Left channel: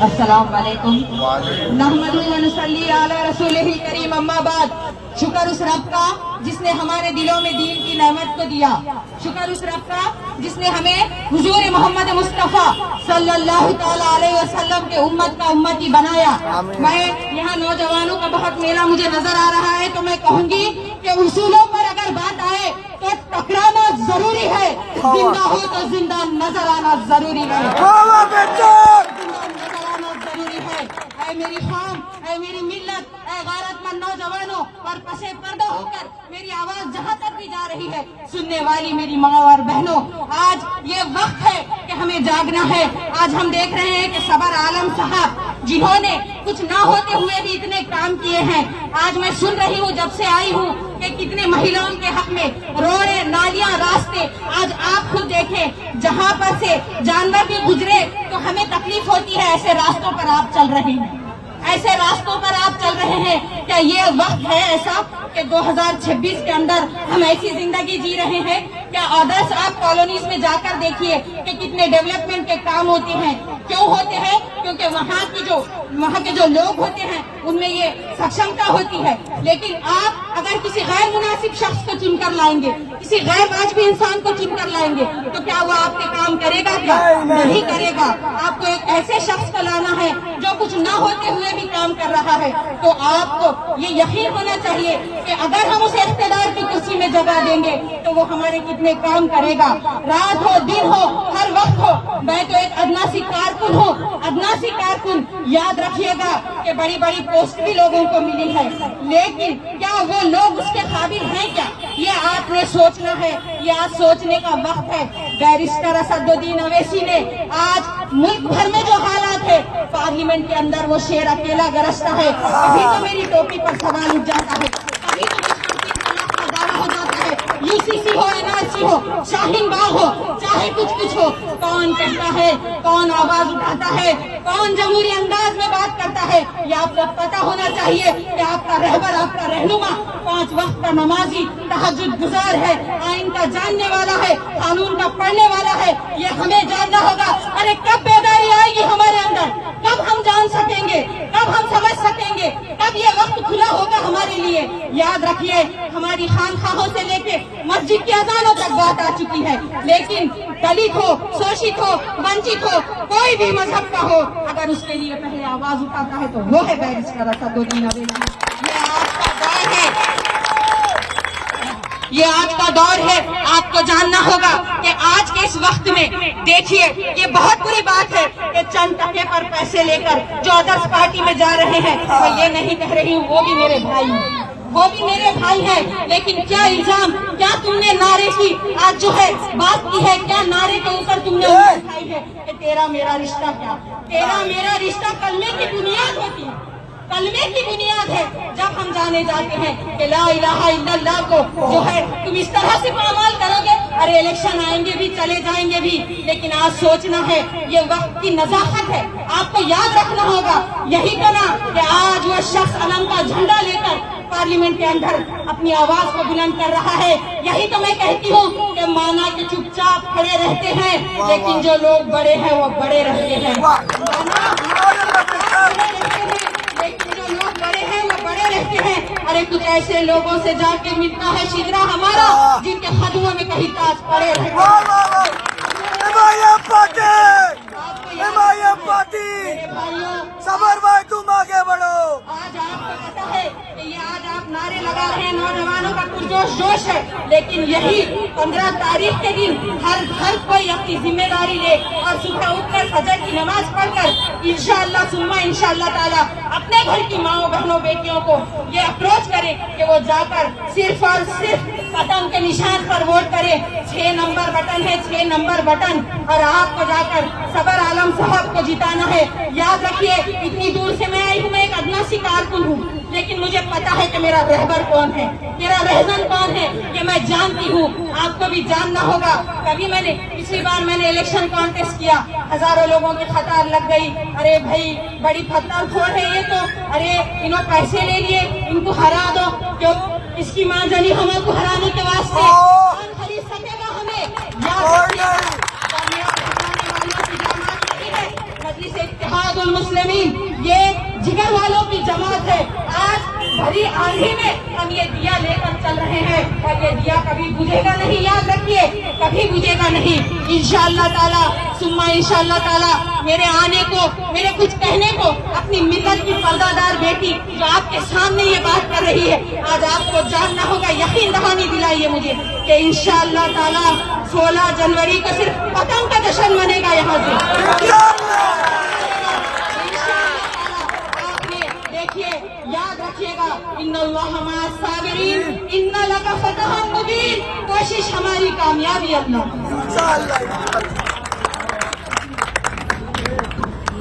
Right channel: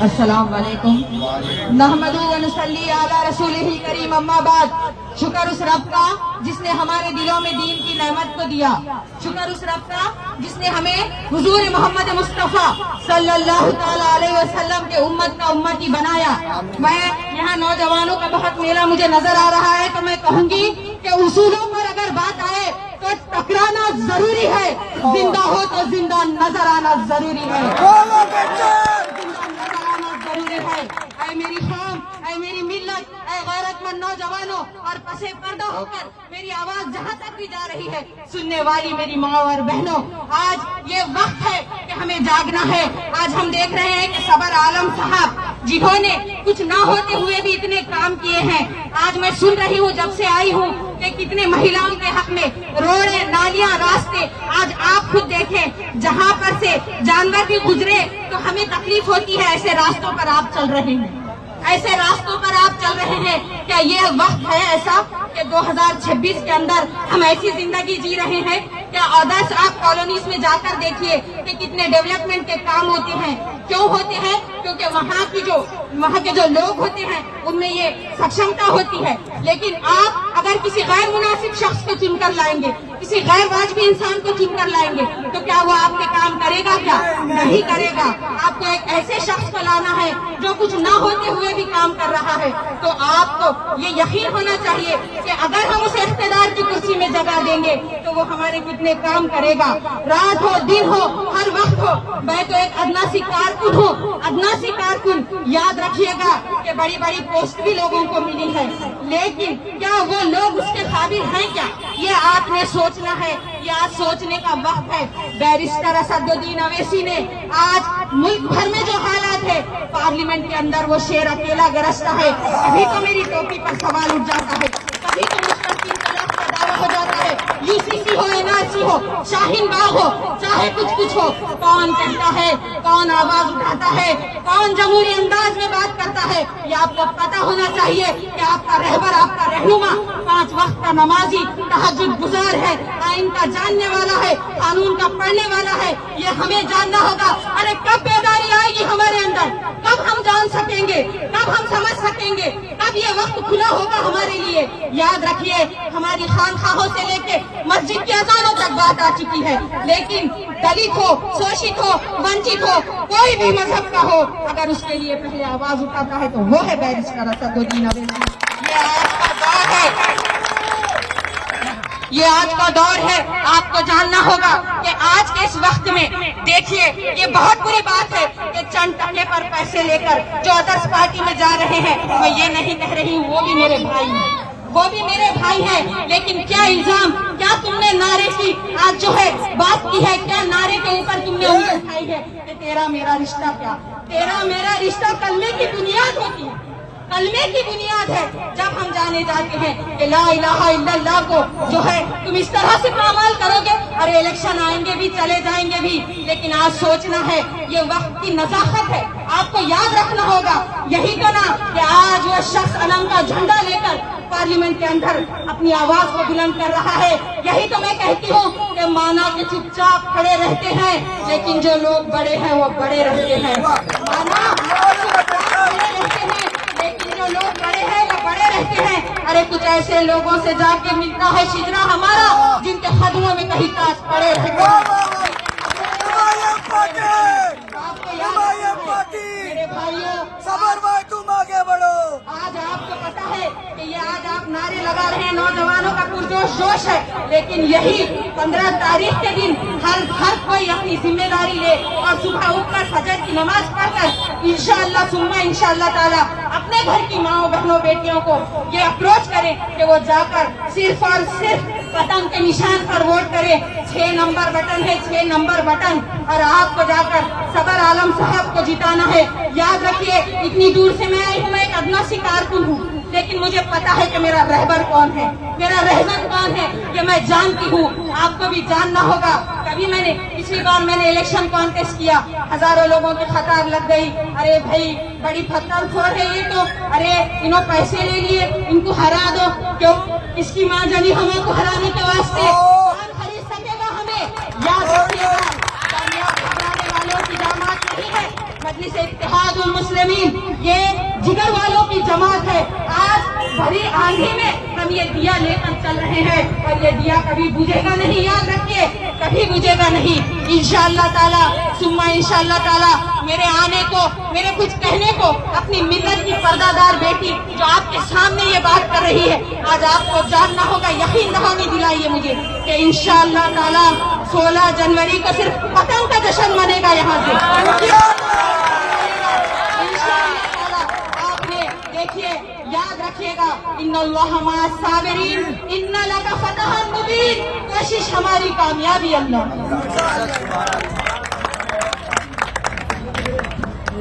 السلام علیکم نحمدہ و نصلی علی رسولہ کریم اما بعد. شکر اس رب کا جس نے ہمارے دلوں میں دین کی نعمت کو دیا. شکر اس رب کا جس نے ہمیں حضور محمد مصطفیٰ صلی اللہ تعالی علیہ وسلم کے امت کا امتی بنایا. میں یہاں نوجوانوں کا بہت میلہ مجھے نظر آ رہا ہے تو میں کہوں گی کہ اصولوں پر اگر بات آئے تو ٹکرانا ضروری ہے, زندہ ہو تو زندہ نظر آنا ضروری ہے. اے میری قوم, اے میری ملت, اے غیرت مند نوجوانوں اور پسے پردہ ہو کر میری آواز جہاں تک بھی جا رہی ہے, سننے والی میری ماں اور بہنوں, آج یہ وقت ہے کہ ہمیں جاگنا ہے. آج ہم دیکھ رہے ہیں کہ صبر عالم صاحب جنہوں نے کچھ نہ ہوتے ہوئے بھی اتنے کام کیے ہیں, آج میں سن رہی ہوں جب سے آئی ہوں کہ کتنے مہیلاؤں کے حق میں روڈیں, نالیاں, راستے. آج آپ خود دیکھیں جہاں پر سے جانور بھی گزرے تو ہمیں تکلیف ہوتی ہے. ایسے راستوں پر آپ چل رہے ہیں, ایسے راستوں پر آپ چل رہے ہیں. کیا یہ وقت ہے ایسا کہ 2026 کے اندر ہم ایسی زندگی جی رہے ہیں؟ کیا آدرس آپ کالونیز میں جا کر دیکھیے کہ کتنے ڈیولپمنٹ کے کام ہوتے ہیں. کیوں ہوتے ہیں؟ کیونکہ وہاں کے جو لوگ ہوتے ہیں ان میں یہ سکشمتا ہوتی ہے. لیکن آپ اگر کسی غیر مناسب شخص کو چن کر لائیں گے, کسی غیر واجبی انسان کو چن کر لائیں گے تو کیا وہ آپ کے کام کرے گا؟ کیا نہیں کرے گا. آپ کو ایک ایسے شخص کو لانا ہے جو کچھ نہ ہوتے ہوئے بھی کام کر رہا ہے. تو آپ کو یہ یقین ہونا چاہیے کہ اگر ہم اسے اقتدار کی کرسی میں جگہ دیں گے تو وہ ہمارے کتنے کام کرے گا. رات ہو, دن ہو, ہر وقت ہو. میں تو ایک ادنا سی کارکن ہوں, ادنا سی کارکن. یاد رکھیے گا کہ بڑی بڑی پوسٹ بھی لوگوں کو ملی ہے, لیکن کیا وہ لوگ اس کے قابل ہیں کیا؟ یہ آپ نے سوچنا ہے, یہ آج سوچنے کا وقت ہے. بیرسٹر اسد الدین اویسی نے آج ملک بھر میں جو حالات ہے, پارلیمنٹ کے اندر وہ شیر اکیلا گرجتا ہے. ابھی تو میری ٹوپی پر سوال اٹھ جاتا ہے, ابھی تو ہو جاتا ہے. UCC ہو, NRC ہو, شاہین باغ ہو, چاہے کچھ ہو, کون کرتا ہے, کون آواز اٹھاتا ہے, کون جمہوری انداز میں بات کرتا ہے. یہ آپ کو پتا ہونا چاہیے کہ آپ کا رہبر, آپ کا رہنما 5 وقت کا نمازی, تہجد گزار ہے, آئین کا جاننے والا ہے, قانون کا پڑھنے والا ہے. یہ ہمیں جاننا ہوگا. ارے کب بیداری آئے گی ہمارے اندر؟ کب ہم جان سکیں گے؟ کب ہم سمجھ سکیں گے؟ کب یہ وقت کھلا ہوگا ہمارے لیے؟ یاد رکھیے ہماری خانقاہوں سے لے کے مسجد کی اذانوں تک بات آ چکی ہے, لیکن دلت ہو, شوشت ہو, ونچت ہو, کوئی بھی مذہب کا ہو, اگر اس کے لیے پہلے آواز اٹھاتا ہے تو وہ ہے بیرسٹر اسد الدین اویسی. یہ آج کا دور ہے, یہ آج کا دور ہے. آپ کو جاننا ہوگا کہ آج کے اس وقت میں دیکھیے یہ بہت بری بات ہے کہ چند ٹکے پر پیسے لے کر جو ادرس پارٹی میں جا رہے ہیں, میں یہ نہیں کہہ رہی ہوں, وہ بھی میرے بھائی ہیں, وہ بھی میرے بھائی ہیں. لیکن کیا الزام, کیا تم نے نعرے کی آج جو ہے بات کی ہے, کیا نعرے کے اوپر تم نے اٹھائی ہے کہ تیرا میرا رشتہ؟ کیا تیرا میرا رشتہ کلمے کی بنیاد ہوتی ہے, کلمے کی بنیاد ہے. جب ہم جانے جاتے ہیں کہ لا الہ الا اللہ کو جو ہے تم اس طرح سے پامال کرو گے, ارے الیکشن آئیں گے بھی, چلے جائیں گے بھی, لیکن آج سوچنا ہے, یہ وقت کی نزاکت ہے. آپ کو یاد رکھنا ہوگا. یہی تو نا کہ آج وہ شخص علم کا جھنڈا لے کر پارلیمنٹ کے اندر اپنی آواز کو بلند کر رہا ہے. یہی تو میں کہتی ہوں کہ مانا کہ چپ چاپ کھڑے رہتے ہیں, لیکن جو لوگ بڑے ہیں وہ بڑے رہتے ہیں. لیکن جو لوگ بڑے ہیں وہ بڑے رہتے ہیں. ارے کچھ ایسے لوگوں سے جا کے ملتا ہے شجرا ہمارا جن کے قدموں میں کہیں تاج پڑے رہتے ہیں. صبر بھائی تم آگے بڑھو. آج آپ کو پتا ہے کہ یہ آج آپ نعرے لگا رہے ہیں, نوجوانوں کا پرجوش ہے, لیکن یہی 15 تاریخ کے دن ہر کوئی اپنی ذمہ داری لے اور صبح اٹھ کر فجر کی نماز پڑھ کر انشاءاللہ ثم انشاءاللہ تعالی اپنے گھر کی ماؤں, بہنوں, بیٹیوں کو یہ اپروچ کریں کہ وہ جا کر صرف اور صرف پتنگ کے نشان پر ووٹ کرے. 6 نمبر بٹن ہے, 6 نمبر بٹن, اور آپ کو جا کر صبر عالم صاحب کو جتانا ہے. یاد رکھیے اتنی دور سے میں آئی ہوں, میں ایک ادنا سی کارکن ہوں, لیکن مجھے پتا ہے کہ میرا رہبر کون ہے, میرا رہنما کون ہے, یہ میں جانتی ہوں. آپ کو بھی جاننا ہوگا. کبھی پچھلی بار میں نے الیکشن کانٹیسٹ کیا, ہزاروں لوگوں کی قطار لگ گئی. ارے بھائی بڑی پتھر کھول ہے یہ تو, ارے انہوں پیسے لے لیے, ان کو ہرا دو. کیوں؟ اس کی ماں جنی ہموں کو ہرانے کے واسطے. کون خرید سکے گا ہمیں؟ مجلس اتحاد المسلمین، یہ جگر والوں کی جماعت ہے. آج بھری آندھی میں ہم یہ دیا لے کر چل رہے ہیں اور یہ دیا کبھی بجھے گا نہیں، یاد رکھیے کبھی بجھے گا نہیں. انشاءاللہ تعالی ثم انشاءاللہ تعالی میرے آنے کو، میرے کچھ کہنے کو اپنی ملت کی پردہ دار بیٹی جو آپ کے سامنے یہ بات کر رہی ہے، آج آپ کو جاننا ہوگا، یقین دہانی دلائیے مجھے کہ انشاءاللہ تعالی 16 جنوری کو صرف پتنگ کا جشن منے گا یہاں سے. دیکھیے یاد رکھیے گا، ان اللہ مع الصابرین ان لک فتح مبین، کوشش ہماری کامیابی اللہ.